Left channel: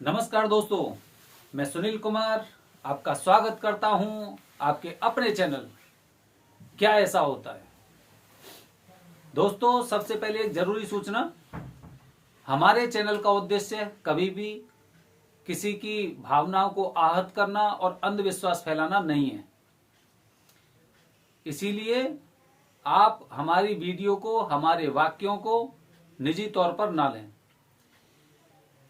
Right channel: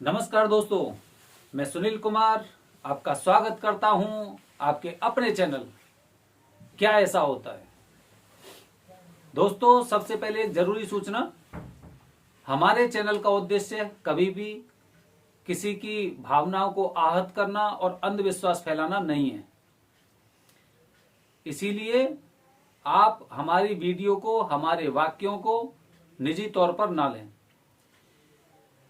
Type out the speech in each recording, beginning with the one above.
नमस्कार दोस्तों, मैं सुनील कुमार आपका स्वागत करता हूं आपके अपने चैनल क्या ऐसा होता है। दोस्तों, सबसे पहले एक जरूरी सूचना, हमारे चैनल का उद्देश्य कभी भी किसी की भावनाओं को आहत करना और अंधविश्वास फैलाना नहीं है। इसीलिए आप हमारी वीडियो को, हमारे वाक्यों को निजी तौर पर ना लें।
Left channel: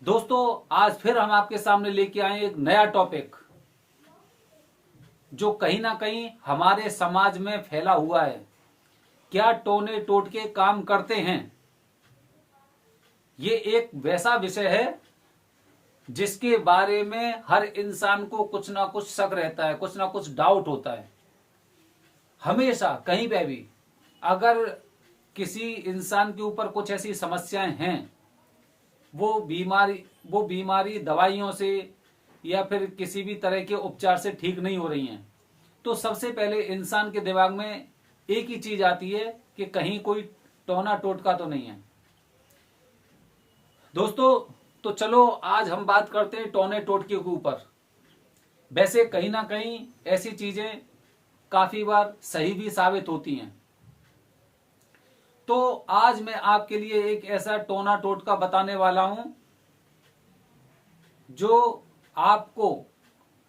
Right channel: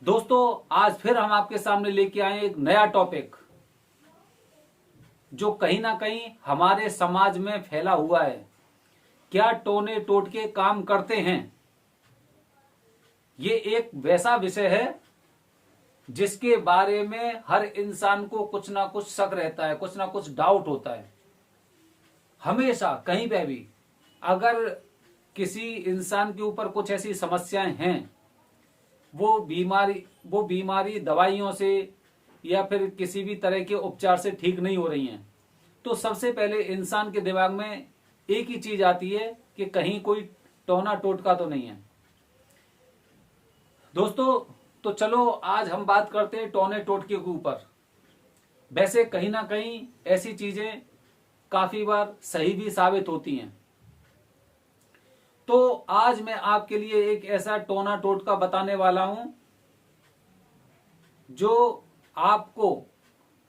दोस्तों, आज फिर हम आपके सामने लेके आए एक नया टॉपिक जो कहीं ना कहीं हमारे समाज में फैला हुआ है। क्या टोने टोटके काम करते हैं? ये एक वैसा विषय है जिसके बारे में हर इंसान को कुछ ना कुछ शक रहता है, कुछ ना कुछ डाउट होता है। हमेशा कहीं पे भी अगर किसी इंसान के ऊपर कुछ ऐसी समस्याएं हैं, वो बीमारी दवाइयों से या फिर किसी भी तरह के उपचार से ठीक नहीं हो रही हैं, तो सबसे पहले इंसान के दिमाग में एक ही चीज आती है कि कहीं कोई टोना टोटका तो नहीं है। दोस्तों, तो चलो आज हम बात करते हैं टोने टोटके के ऊपर। वैसे कहीं ना कहीं ऐसी चीजें काफी बार सही भी साबित होती हैं। तो आज मैं आपके लिए एक ऐसा टोना टोटका बताने वाला हूं जो आपको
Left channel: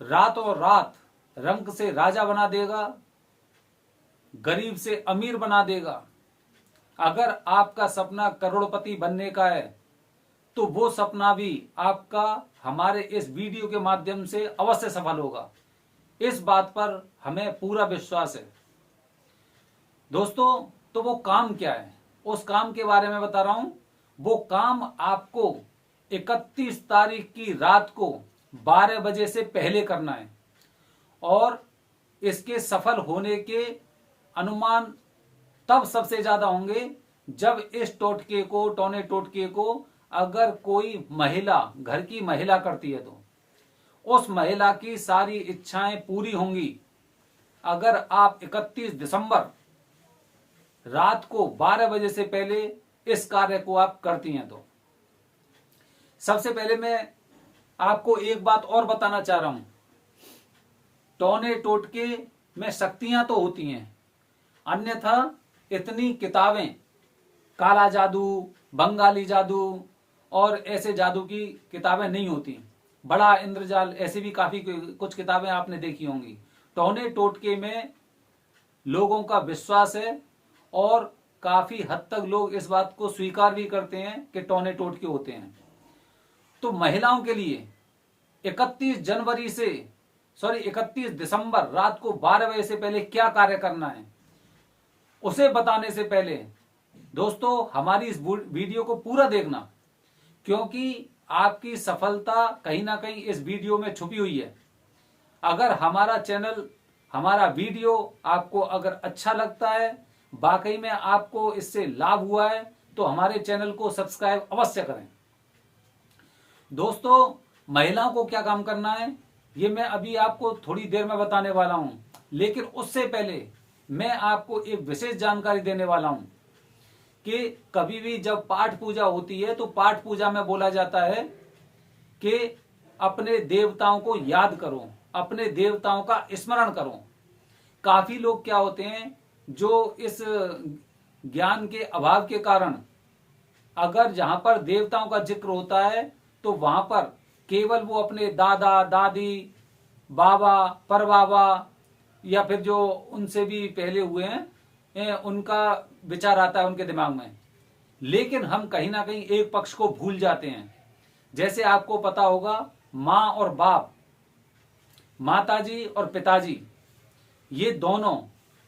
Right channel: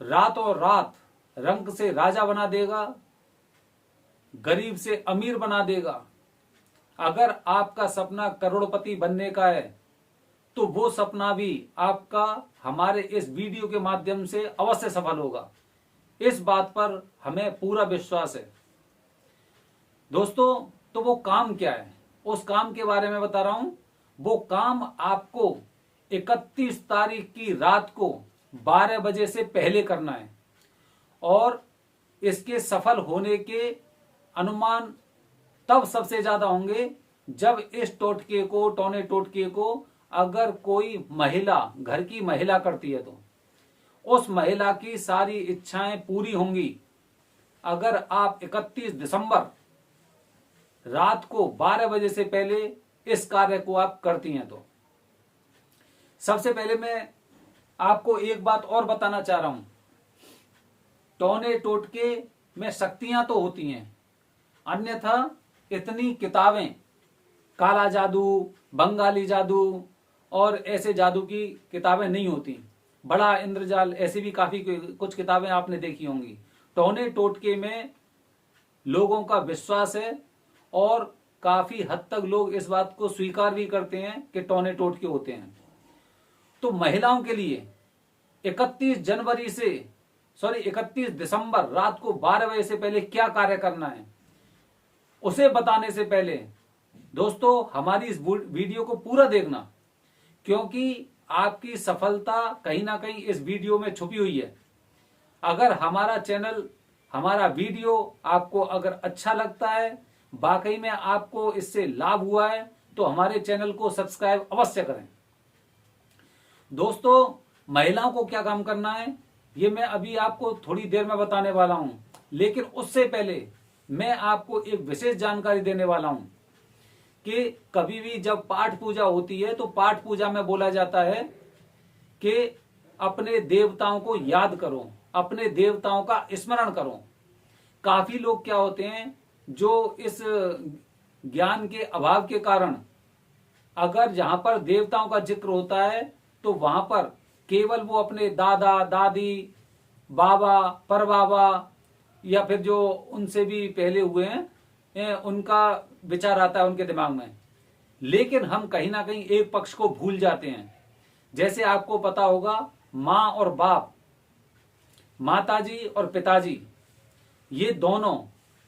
रातों रात रंक से राजा बना देगा, गरीब से अमीर बना देगा। अगर आपका सपना करोड़पति बनने का है तो वो सपना भी आपका हमारे इस वीडियो के माध्यम से अवश्य सफल होगा। इस बात पर हमें पूरा विश्वास है। दोस्तों, तो वो काम क्या है, उस काम के बारे में बता रहा हूं। वो काम आपको 31 तारीख की रात को 12 बजे से पहले करना है और इसके सफल होने के अनुमान तब सबसे ज्यादा होंगे जब इस टोने टोटके को अगर कोई महिला, घर की महिला करती है तो उस महिला की सारी इच्छाएं पूरी होंगी। अगर आप 31 दिसंबर रात को 12 बजे से पहले इस कार्य को आप करती हैं तो सबसे पहले मैं आपको एक बात और बताना चाह रहा हूं। टोने टोटके में शक्तियां तो होती हैं, अन्यथा इतनी किताबें, काला जादू, बंगाली जादू और ऐसे जादू की किताबें नहीं होती। बड़ा इंद्रजाल, ऐसी भी काफी कुछ किताबें आपने देखी होंगी। टोने टोटके में लोगों का विश्वास है और काफी हद तक लोग इस बात को स्वीकार भी करते हैं कि टोने टोटके होते हैं। तो महिलाओं के लिए 31 दिसंबर रात को 12 बजे से पहले क्या कार्य करना है, उसे बताने से पहले दोस्तों हमारी इस वीडियो को पूरा देखना, क्योंकि आपकी सफलता कहीं ना कहीं इस वीडियो में छुपी हुई है। अगर हमारा चैनल, हमारा वीडियो आपको अगर अच्छा लगता है, वाकई में आपको इससे लाभ हुआ है, तो हमारे चैनल को सब्सक्राइब अवश्य करें। दोस्तों, महिलाओं को क्या काम करना है ये मैं अभी आपको थोड़ी देर में बताने वाला हूं, लेकिन उससे पहले मैं आपको एक विशेष जानकारी देने वाला हूं कि कभी भी जब पाठ पूजा होती है तो पाठ पूजा में बोला जाता है कि अपने देवताओं को याद करो, अपने देवताओं का स्मरण करो। काफी लोग क्या होते हैं जो इस ज्ञान के अभाव के कारण अगर जहां पर देवताओं का जिक्र होता है तो वहां पर केवल वो अपने दादा, दादी, बाबा, परबाबा या फिर जो उनसे भी पहले हुए हैं उनका विचार आता है उनके दिमाग में। लेकिन हम कहीं ना कहीं एक पक्ष को भूल जाते हैं। जैसे आपको पता होगा, माँ और बाप, माताजी और पिताजी, ये दोनों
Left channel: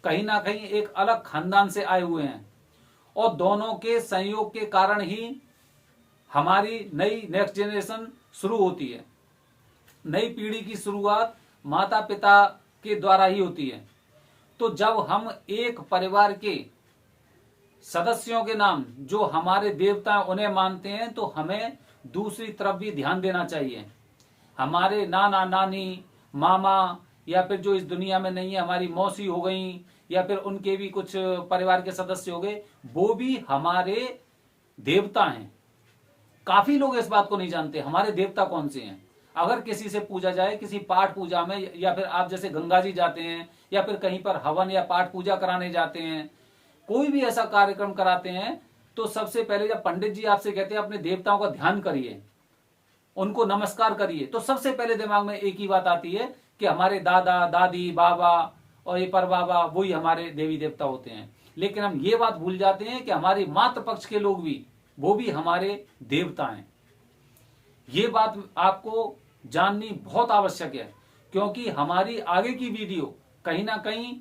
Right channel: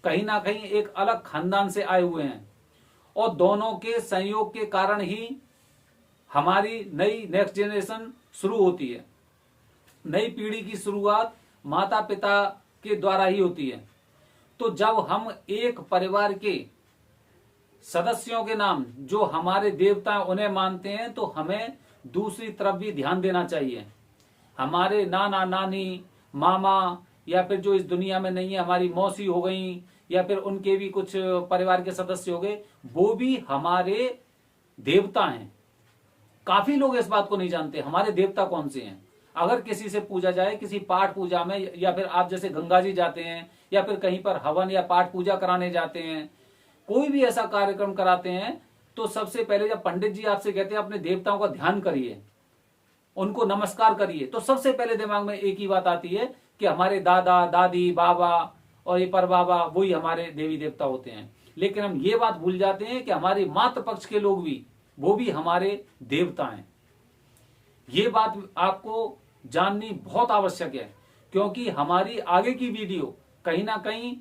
कहीं ना कहीं एक अलग खानदान से आए हुए हैं और दोनों के संयोग के कारण ही हमारी नई नेक्स्ट जनरेशन शुरू होती है। नई पीढ़ी की शुरुआत माता पिता के द्वारा ही होती है। तो जब हम एक परिवार के सदस्यों के नाम जो हमारे देवता हैं उन्हें मानते हैं, तो हमें दूसरी तरफ भी ध्यान देना चाहिए। हमारे नाना नानी, मामा या फिर जो इस दुनिया में नहीं है, हमारी मौसी हो गई या फिर उनके भी कुछ परिवार के सदस्य हो गए, वो भी हमारे देवता हैं। काफी लोग इस बात को नहीं जानते हमारे देवता कौन से हैं। अगर किसी से पूजा जाए, किसी पाठ पूजा में, या फिर आप जैसे गंगा जी जाते हैं या फिर कहीं पर हवन या पाठ पूजा कराने जाते हैं, कोई भी ऐसा कार्यक्रम कराते हैं, तो सबसे पहले जब पंडित जी आपसे कहते हैं अपने देवताओं का ध्यान करिए, उनको नमस्कार करिए, तो सबसे पहले दिमाग में एक ही बात आती है कि हमारे दादा दादी बाबा और ये पर बाबा वही हमारे देवी देवता होते हैं। लेकिन हम ये बात भूल जाते हैं कि हमारे मातृ पक्ष के लोग भी, वो भी हमारे देवता हैं। ये बात आपको जाननी बहुत आवश्यक है, क्योंकि हमारी आगे की वीडियो कहीं ना कहीं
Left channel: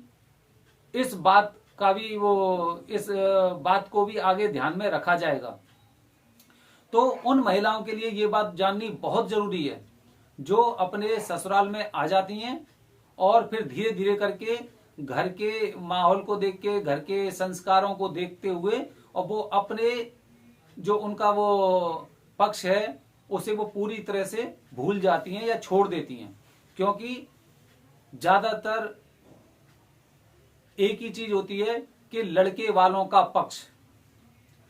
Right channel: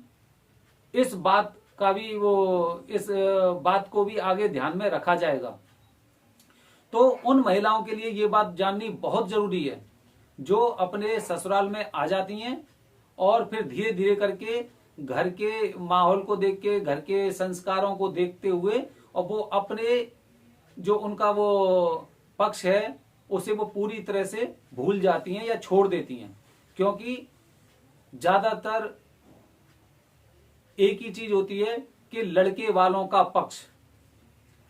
इस बात का भी इस बात को भी आगे ध्यान में रखा जाएगा। तो उन महिलाओं के लिए ये बात जाननी बहुत जरूरी है जो अपने ससुराल में आ जाती हैं और फिर धीरे धीरे करके घर के माहौल को देख के, घर के संस्कारों को देखते हुए, और वो अपने जो उनका वो पक्ष है उसे वो पूरी तरह से भूल जाती हैं या छोड़ देती हैं। क्योंकि ज्यादातर एक ही चीज होती है कि लड़के वालों का पक्ष,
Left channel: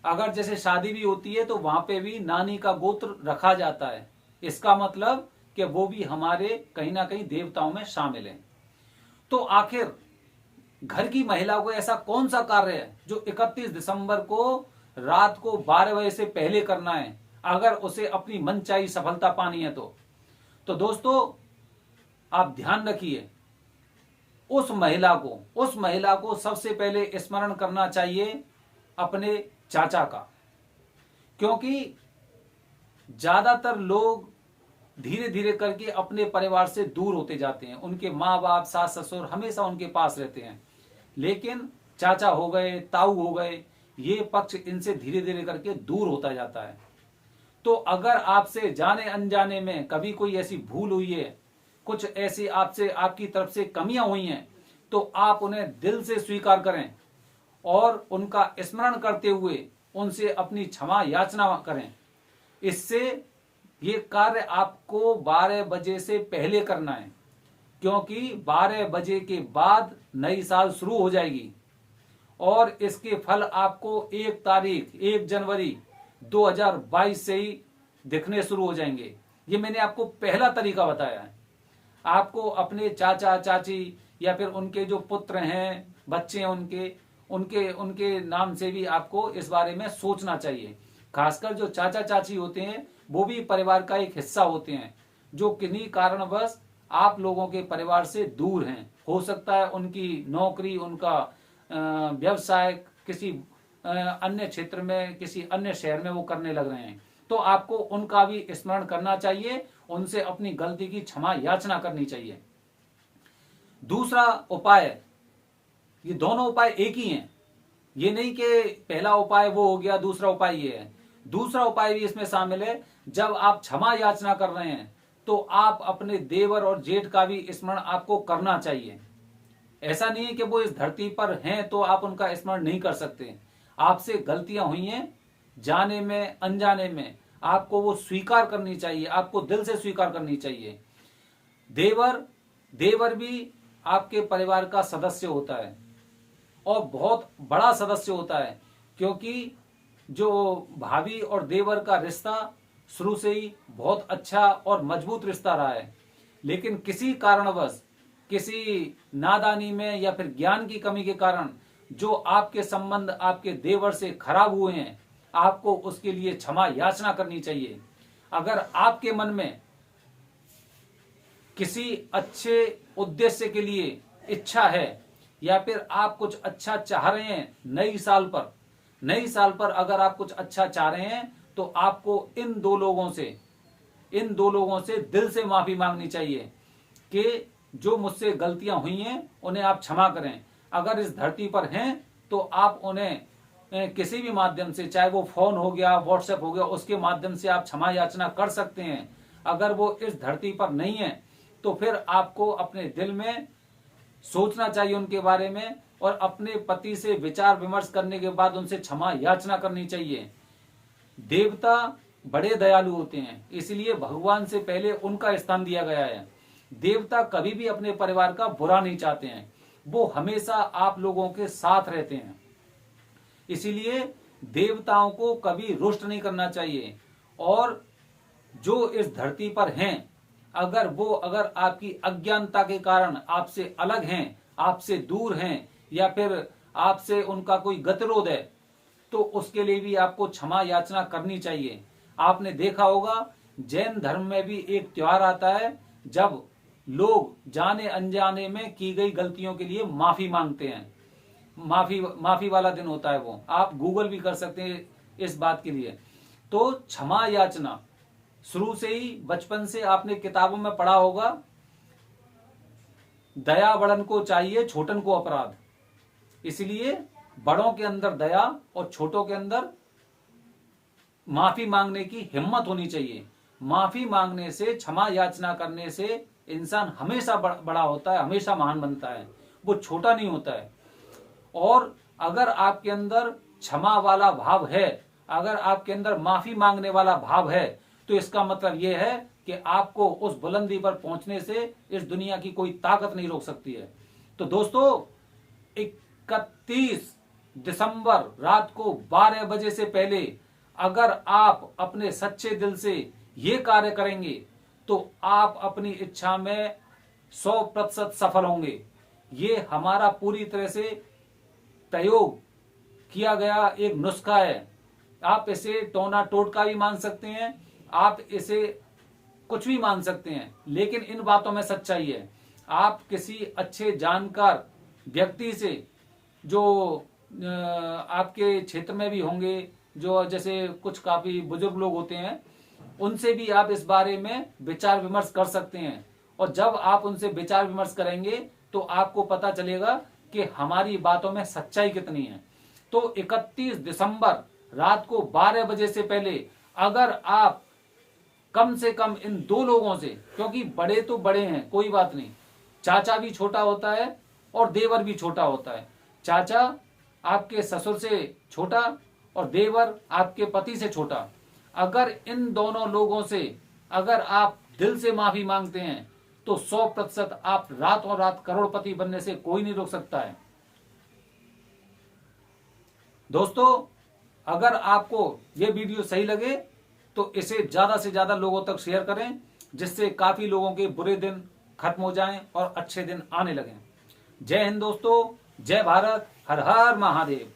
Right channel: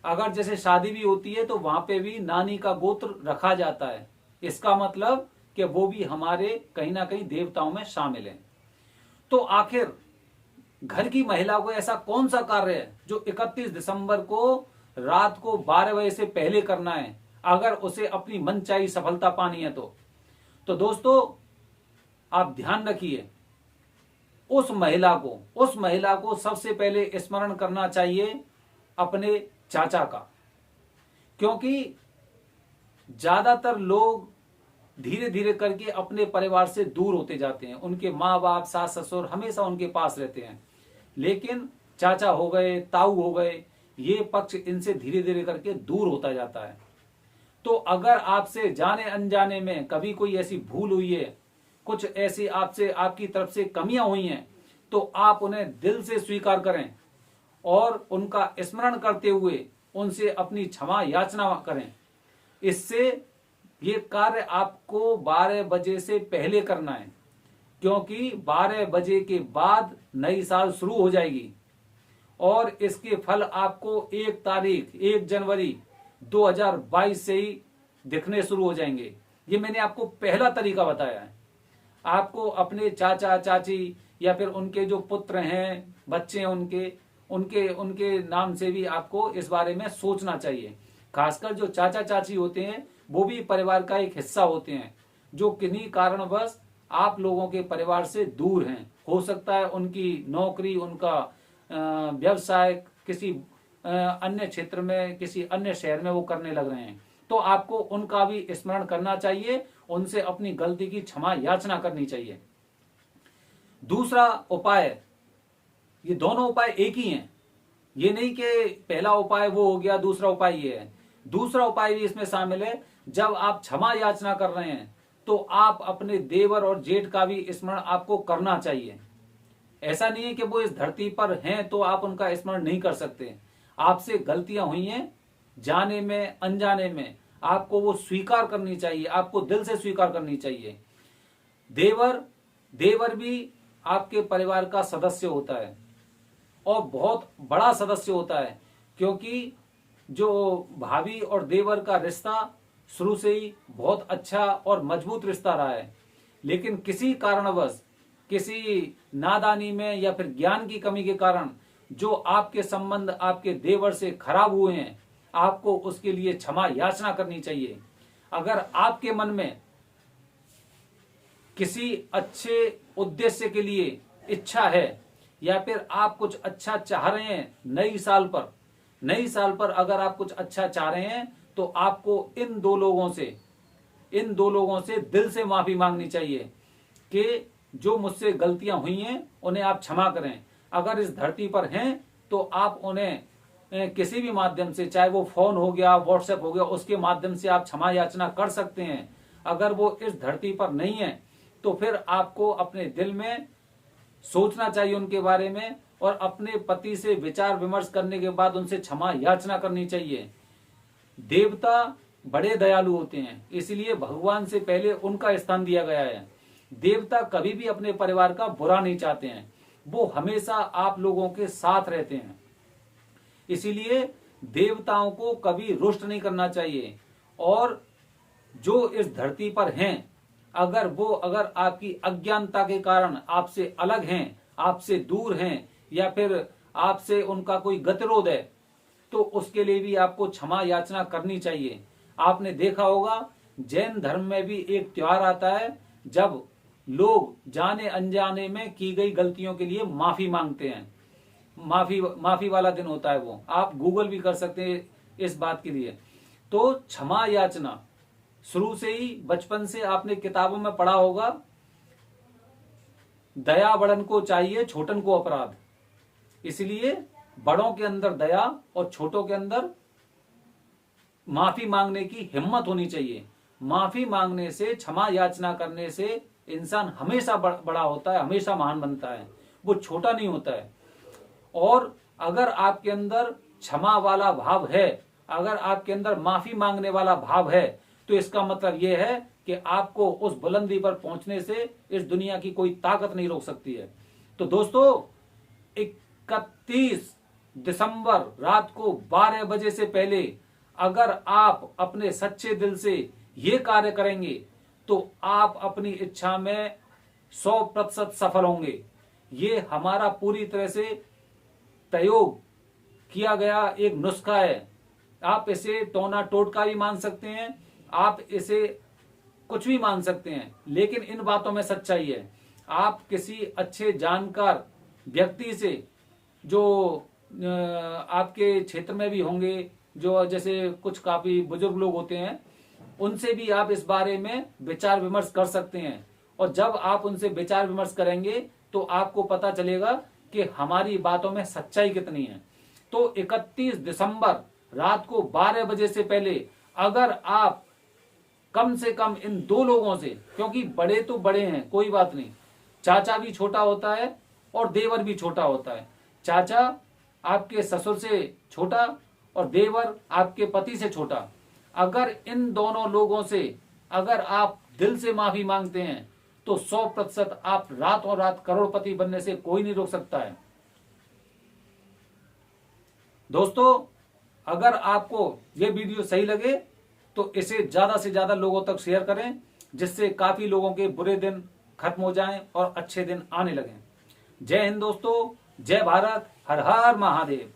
अगर जैसे शादी भी होती है तो वहां पे भी नानी का गोत्र रखा जाता है। इसका मतलब कि वो भी हमारे कहीं ना कहीं देवताओं में शामिल हैं। तो आखिर घर की महिला को ऐसा कौन सा कार्य है जो 31 दिसंबर को रात को 12 बजे से पहले करना है, अगर उसे अपनी मनचाही सफलता पानी है तो दोस्तों आप ध्यान रखिए, उस महिला को सबसे पहले स्मरण करना चाहिए अपने चाचा का। क्योंकि ज्यादातर लोग धीरे धीरे करके अपने परिवार से दूर होते जाते हैं। उनके माँ बाप, सास ससुर हमेशा उनके पास रहते हैं, लेकिन चाचा हो गए, ताऊ हो गए, ये पक्ष इनसे धीरे धीरे करके दूर होता जाता है। तो अगर आपसे जाने अनजाने में कभी कोई ऐसी भूल हुई है, कुछ ऐसी आपसे आपकी तरफ से कमियां हुई हैं, तो आप उन्हें दिल से स्वीकार करें और उनका स्मरण करते हुए उनसे अपनी क्षमा याचना करें। इससे ये कार्य आपको 12 बजे से पहले करना है, क्योंकि 12 बजे के बाद नई साल शुरू हो जाएगी और इसके फल आपको 1 जनवरी 2022 से ही दिखने शुरू हो जाएंगे। ये मैंने आपको पहला तरीका बताया है। आपको अपने चाचा चाची या फिर उनके जो पुत्र हैं, बच्चे हैं, उनके नाम से भी आपको इस बारे में सोचना चाहिए। खासकर जो चाचा चाची होते हैं वो भी परिवार का एक हिस्सा होते हैं, जो किन्हीं कारणवश आप लोगों के परिवार से दूर हैं। हो सकता है उनकी नौकरी, उनका व्यवसाय किसी अन्य क्षेत्र में, किसी अन्य शहर में वो करने लग रहे हैं, तो आपको उनका भी स्मरण करना चाहिए, उनसे अपनी गलती की क्षमा याचना करनी चाहिए। दूसरा उपाय, ये दोनों उपाय एक ही हैं, ये नहीं कि पहला उपाय वो हो गया दूसरा उपाय ये है। दूसरा उपाय भी इसमें शामिल है। जब आप क्षमा याचना कर रहे हैं तो आप अपने देवर और जेठ का भी स्मरण आपको करना चाहिए। ऐसा नहीं है कि वो इस धरती पर हैं तो आप उनका स्मरण नहीं कर सकते। आपसे गलतियां हुई हैं, जाने में अनजाने में, आपको वो स्वीकार करनी चाहिए, आपको दिल से स्वीकार करनी चाहिए। देवर भी आपके परिवार का सदस्य होता है और बहुत बड़ा सदस्य होता है, क्योंकि जो भाभी और देवर का रिश्ता शुरू से ही बहुत अच्छा और मजबूत रिश्ता रहा है। लेकिन किसी कारणवश, किसी नादानी में या फिर ज्ञान की कमी के कारण जो आपके संबंध आपके देवर से खराब हुए हैं, आपको उसके लिए क्षमा याचना करनी चाहिए। अगर आपके मन में किसी अच्छे उद्देश्य के लिए इच्छा है या फिर आप कुछ अच्छा चाह रहे हैं नई साल पर अगर आप कुछ अच्छा चाह रहे हैं तो आपको इन दो लोगों से दिल से माफी मांगनी चाहिए कि जो मुझसे गलतियां हुई हैं उन्हें आप क्षमा करें। अगर इस धरती पर हैं तो आप उन्हें किसी भी माध्यम से, चाहे वो फोन हो गया, व्हाट्सएप हो गया, उसके माध्यम से आप क्षमा याचना कर सकते हैं। अगर वो इस धरती पर नहीं है तो फिर आपको अपने दिल में सोचना चाहिए उनके बारे में और अपने पति से विचार विमर्श करने के बाद उनसे क्षमा याचना करनी चाहिए। देवता बड़े दयालु होते हैं, इसलिए भगवान से पहले उनका स्थान दिया गया है। देवता कभी भी अपने परिवार का बुरा नहीं चाहते हैं, वो हमेशा आप लोगों के साथ रहते हैं। इसीलिए देवताओं को कभी रुष्ट नहीं करना चाहिए और जो इस धरती पर हैं, अगर आपकी अज्ञानता के कारण आपसे अलग हैं, आपसे दूर हैं, या फिर आपसे उनका कोई गतिरोध है, तो उसके लिए भी आपको क्षमा याचना करनी चाहिए। आपने देखा होगा जैन धर्म में भी एक त्योहार आता है जब लोग जाने अनजाने में की गई गलतियों के लिए माफी मांगते हैं। माफी वाला दिन होता है वो, आप गूगल भी कर सकते हैं इस बात के लिए। तो क्षमा याचना शुरू से ही, बचपन से आपने किताबों में पढ़ा होगा, दया बड़न को चाहिए छोटन को अपराध। इसलिए बड़ों के अंदर दया और छोटों के अंदर माफी मांगने की हिम्मत होनी चाहिए। माफी मांगने से, क्षमा याचना करने से इंसान हमेशा बड़ा होता है, हमेशा महान बनता है, वो छोटा नहीं होता है। और अगर आपके अंदर क्षमा वाला भाव है, अगर आपके अंदर माफी मांगने वाला भाव है, तो इसका मतलब यह है कि आपको उस बुलंदी पर पहुंचने से इस दुनिया की कोई ताकत नहीं रोक सकती है। तो दोस्तों, 31 दिसंबर रात को 12 बजे से पहले अगर आप अपने सच्चे दिल से ये कार्य करेंगे तो आप अपनी इच्छा में 100% सफल होंगे। ये हमारा पूरी तरह से प्रयोग किया गया एक नुस्खा है। आप इसे टोना टोटका भी मान सकते हैं, आप इसे कुछ भी मान सकते हैं, लेकिन इन बातों में सच्चाई है। आप किसी अच्छे जानकार व्यक्ति से, जो आपके क्षेत्र में भी होंगे, जो जैसे कुछ काफी बुजुर्ग लोग होते हैं, उनसे भी आप इस बारे में विचार विमर्श कर सकते हैं। और जब आप उनसे विचार विमर्श करेंगे तो आपको पता चलेगा कि हमारी बातों में सच्चाई कितनी है। तो 31 दिसंबर रात को 12 बजे से पहले अगर आप कम से कम इन 2 लोगों से, क्योंकि बड़े तो बड़े हैं, कोई बात नहीं, चाचा भी छोटा होता है और देवर भी छोटा होता है। चाचा आपके ससुर से छोटा और देवर आपके पति से छोटा। अगर इन दोनों लोगों से अगर आप दिल से माफी मांगते हैं तो 100% आप रात और रात करोड़पति बनने से कोई नहीं रोक सकता है। दोस्तों, अगर आपको ये वीडियो सही लगे तो इसे ज्यादा से ज्यादा लोगों तक शेयर करें, जिससे काफी लोगों के बुरे दिन खत्म हो जाएं और अच्छे दिन आने लगें। जय हिंद दोस्तों, जय भारत, हर हर महादेव।